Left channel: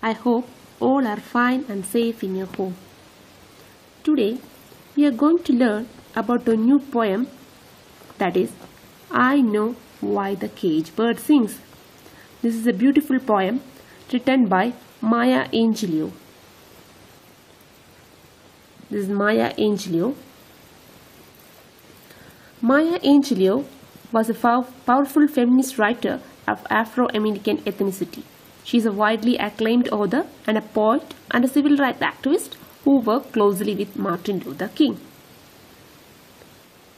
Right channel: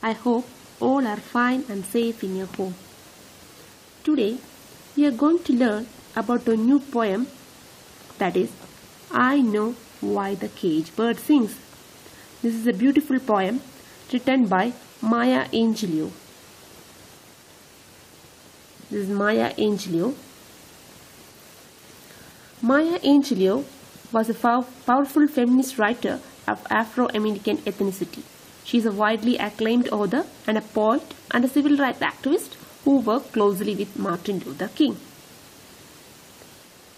I hope all are fine and safe in your home. Today we are going to learn about a new poem, that is, I Know Why the Cage Bird Sings. This is a beautiful poem written by Maya Angelou. This is Maya Angelou. Maya Angelou was a powerful feminist writer of Afro-American ethnicity. She is a widely acclaimed author and a poet and a civil rights activist who worked closely with Martin Luther King.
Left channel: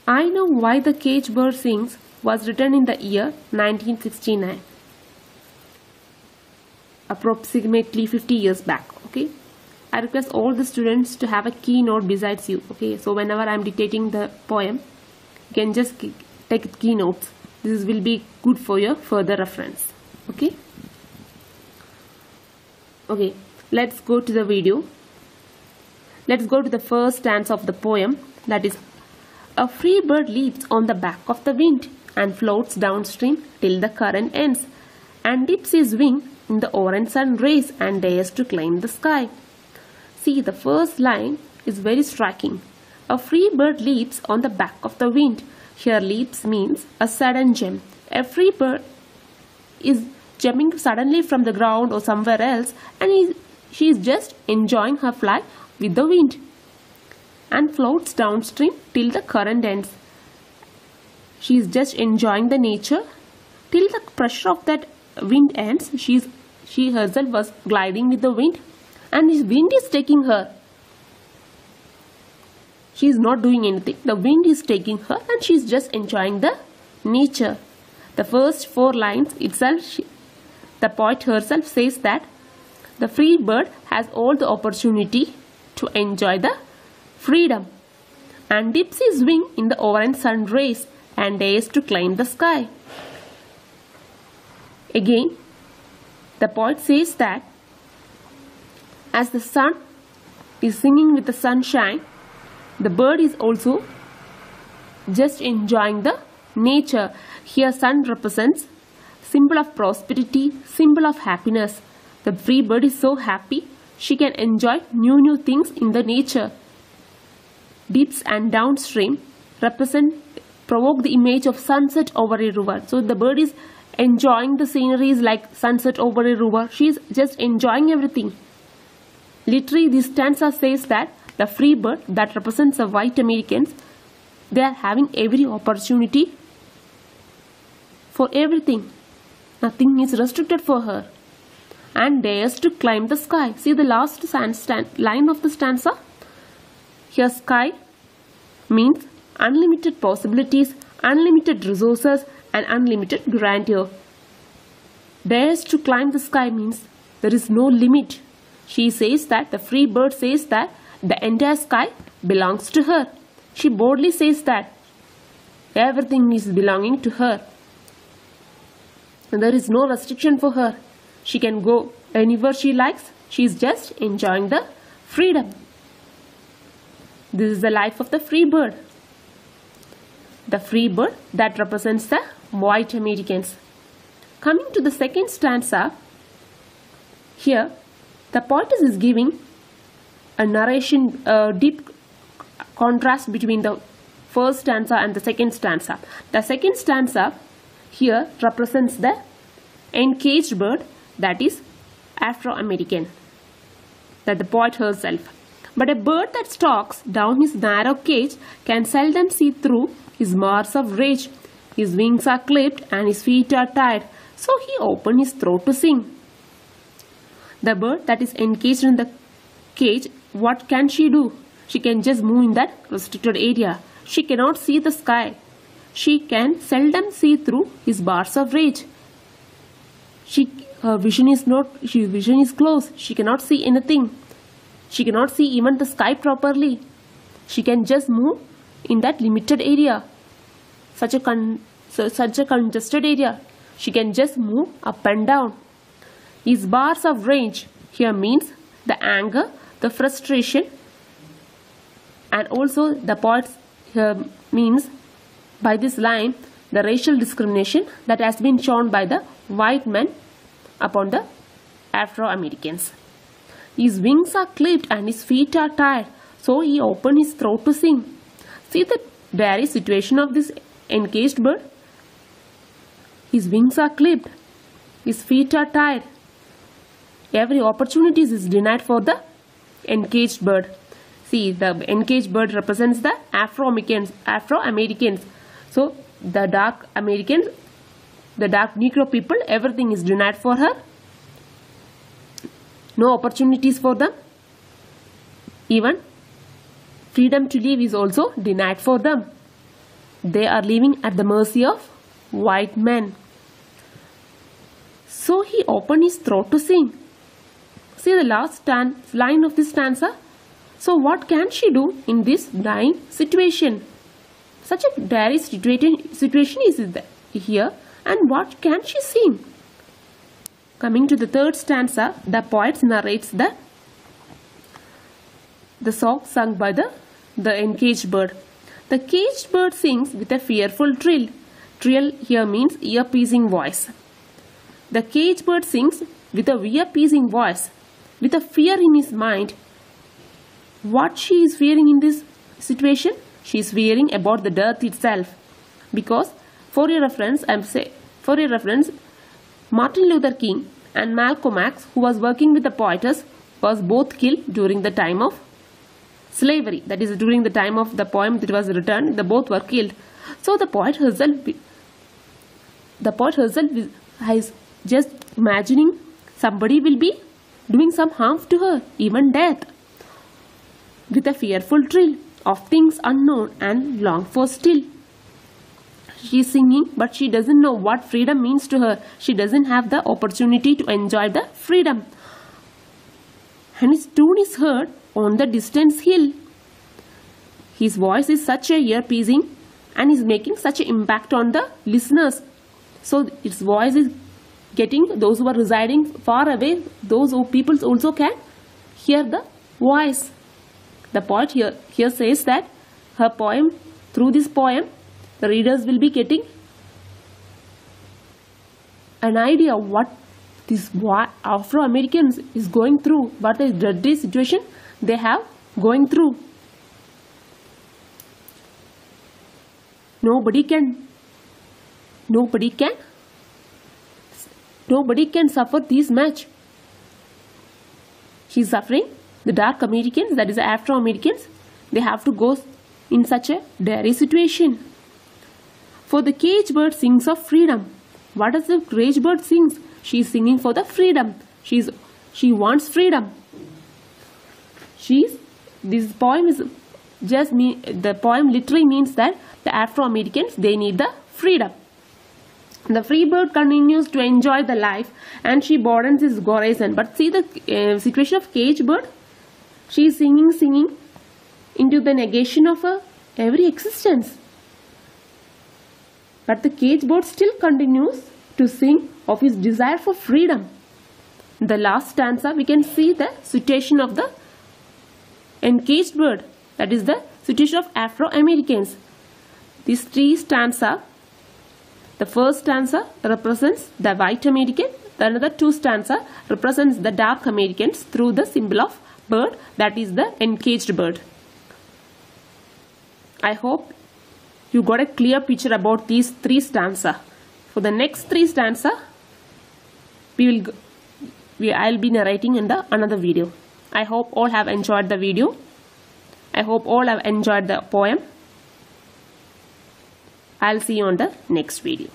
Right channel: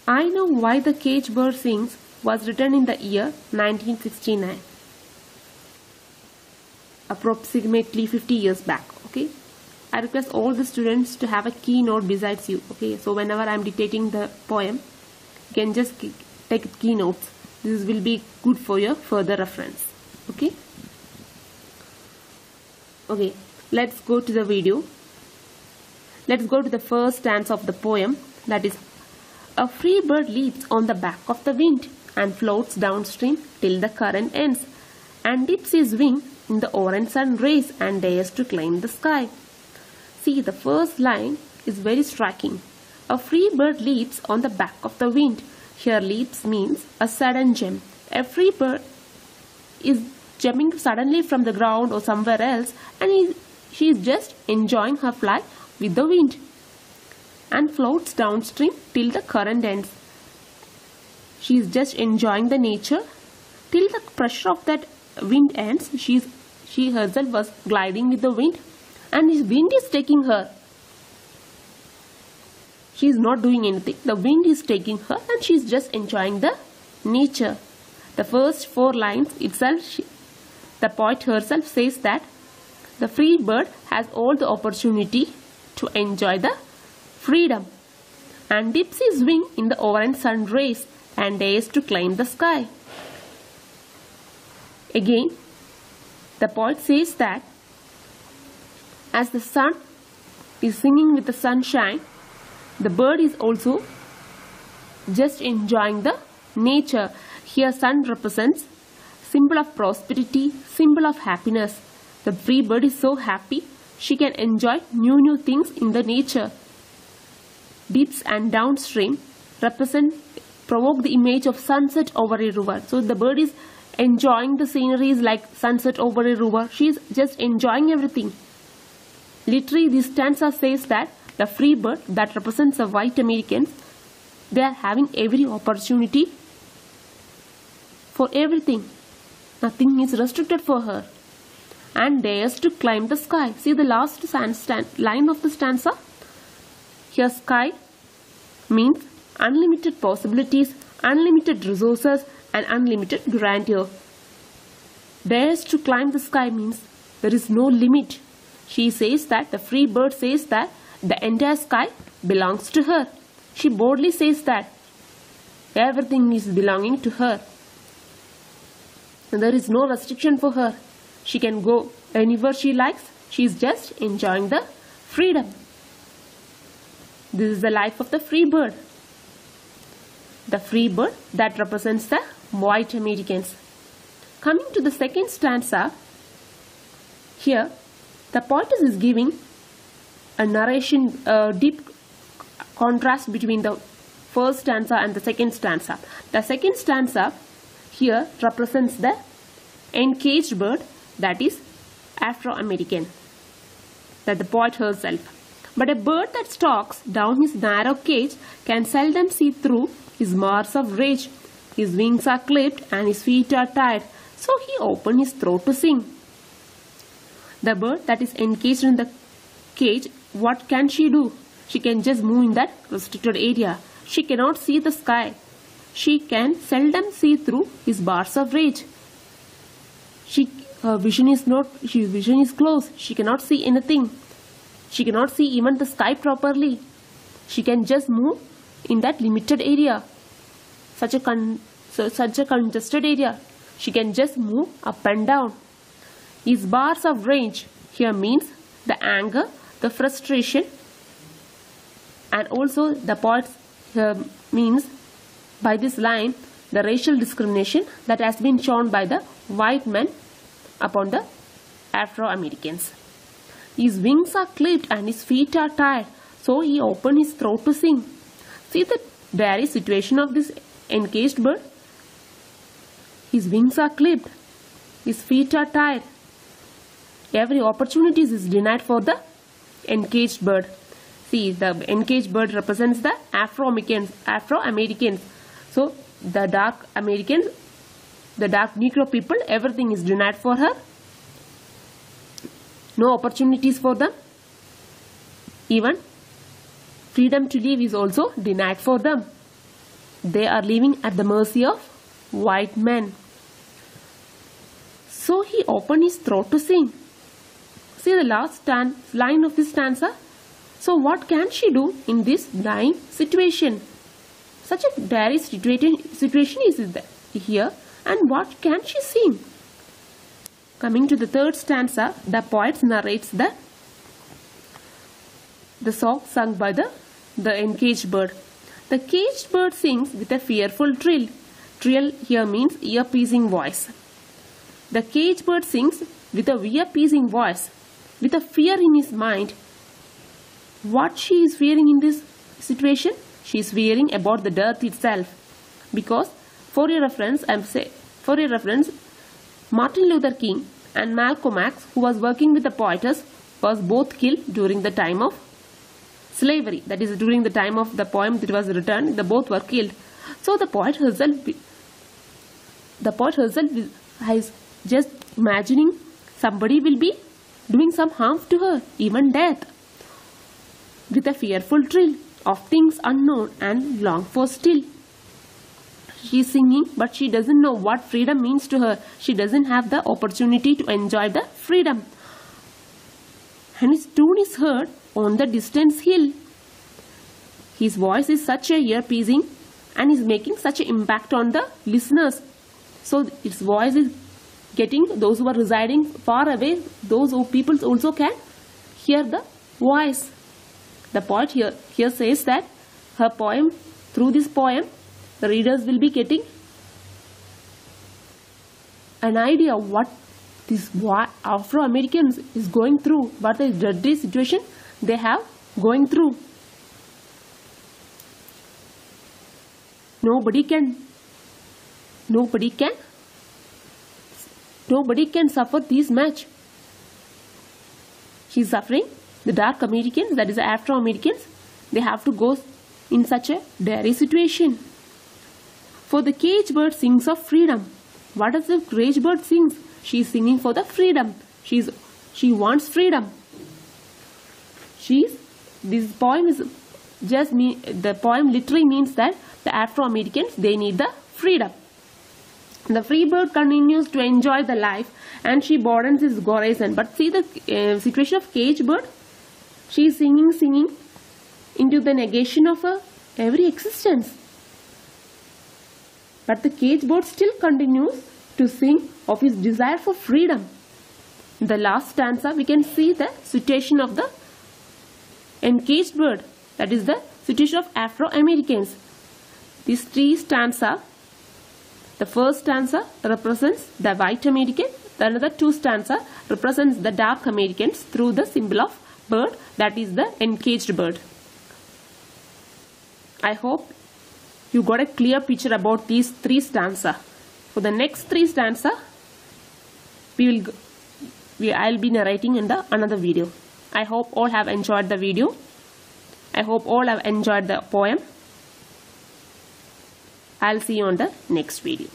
I Know Why the Cage Bird Sings was written in the year 1969, approximately 50 years back. Okay, I request all the students to have a keynote besides you. Okay, so whenever I am dictating the poem, you can just take keynotes. This will be good for your further reference. Okay, let's go to the video. Let's go to the first stanza of the poem, that is, a free bird leaps on the back of the wind and floats downstream till the current ends and dips his wing in the orange sun rays and dares to climb the sky. See, the first line is very striking. A free bird leaps on the back of the wind. Here leaps means a sudden jump. A free bird is jumping suddenly from the ground or somewhere else, and she is just enjoying her flight with the wind and floats downstream till the current ends. She is just enjoying the nature till the pressure of that wind ends. She herself was gliding with the wind, and this wind is taking her. She is not doing anything. The wind is taking her, and she is just enjoying the nature. The first 4 lines itself, the poet herself says that the free bird has all the opportunity to enjoy the freedom and dips his wing in the orange sun rays and dares to climb the sky. Again, the poet says that as the sun is singing with the sunshine, the bird is also just enjoying the nature. Here sun represents symbol of prosperity, symbol of happiness. The free bird is so happy, she can enjoy new things in the nature. Dips and downstream provoke the image of sunset over a river. So the bird is enjoying the sceneries like sunset over a river. She is just enjoying everything. Literally, this stanza says that the free bird that represents the white Americans, they are having every opportunity for everything. Nothing is restricted for her, and dares to climb the sky. See the last line of the stanza. Here sky means unlimited possibilities, unlimited resources and unlimited grandeur. Dares to climb the sky means there is no limit. She says that, the free bird says that the entire sky belongs to her. She boldly says that everything is belonging to her. And there is no restriction for her. She can go anywhere she likes. She is just enjoying the freedom. This is the life of the free bird. The free bird that represents the white Americans. Coming to the second stanza, here the poetess is giving a narration, a deep contrast between the first stanza and the second stanza. The second stanza here represents the encaged bird, that is Afro-American, that the poet herself. But a bird that stalks down his narrow cage can seldom see through his marks of rage. His wings are clipped and his feet are tied, so he opened his throat to sing. The bird that is encaged in the cage, what can she do? She can just move in that restricted area. She cannot see the sky. She can seldom see through his bars of rage. Her vision is closed. She cannot see anything. She cannot see even the sky properly. She can just move in that limited area, such a congested area. She can just move up and down. These bars of rage here means the anger, the frustration, and also the poet here means by this line the racial discrimination that has been shown by the white men upon the Afro-Americans. His wings are clipped and his feet are tied, so he opened his throat to sing. See the dire situation of this encaged bird? His wings are clipped, his feet are tied. Every opportunity is denied for the encaged bird. See, the encaged bird represents the Afro-Americans. So, the dark Americans, the dark Negro people, everything is denied for her. No opportunities for them. Even freedom to live is also denied for them. They are living at the mercy of white men. So he opened his throat to sing. See the last line of this stanza. So what can she do in this dying situation? Such a dire situation is here, and what can she sing? Coming to the third stanza, the poet narrates the song sung by the encaged bird. The caged bird sings with a fearful trill. Trill here means ear-piercing voice. The caged bird sings with a ear-piercing voice, with a fear in his mind. What she is fearing in this situation? She is fearing about the death itself. Because, for your reference, Martin Luther King and Malcolm X, who was working with the poetess, was both killed during the time of slavery. That is, during the time of the poem that was written, they both were killed. So the poet herself is just imagining somebody will be doing some harm to her, even death, with a fearful thrill of things unknown and long for still. She is singing, but she doesn't know what freedom means to her. She doesn't have the opportunity to enjoy the freedom. And his tune is heard on the distant hill. His voice is such a ear-piercing and is making such an impact on the listeners. So his voice is getting those who are residing far away, those people also can hear the voice. The poet here says that her poem, through this poem, the readers will be getting an idea of what this Afro-Americans is going through, what the dreadful situation they have going through. Nobody can suffer this much. She is suffering. The dark Americans, that is the Afro-Americans, they have to go in such a dire situation. For the caged bird sings of freedom. What does the caged bird sings? She is singing for the freedom. She wants freedom. The poem literally means that the Afro-Americans, they need the freedom. The free bird continues to enjoy the life and she broadens his horizon. But see the situation of caged bird. She is singing into the negation of her every existence. But the caged bird still continues to sing of his desire for freedom. In the last stanza, we can see the situation of the encaged bird. That is the situation of Afro-Americans. These three stanzas, the first stanza represents the white American, the another two stanza represents the dark Americans through the symbol of bird, that is the encaged bird. I hope you got a clear picture about these three stanzas. For the next three stanzas, I'll be narrating in another video. I hope all have enjoyed the video. I hope all have enjoyed the poem. I'll see you on the next video.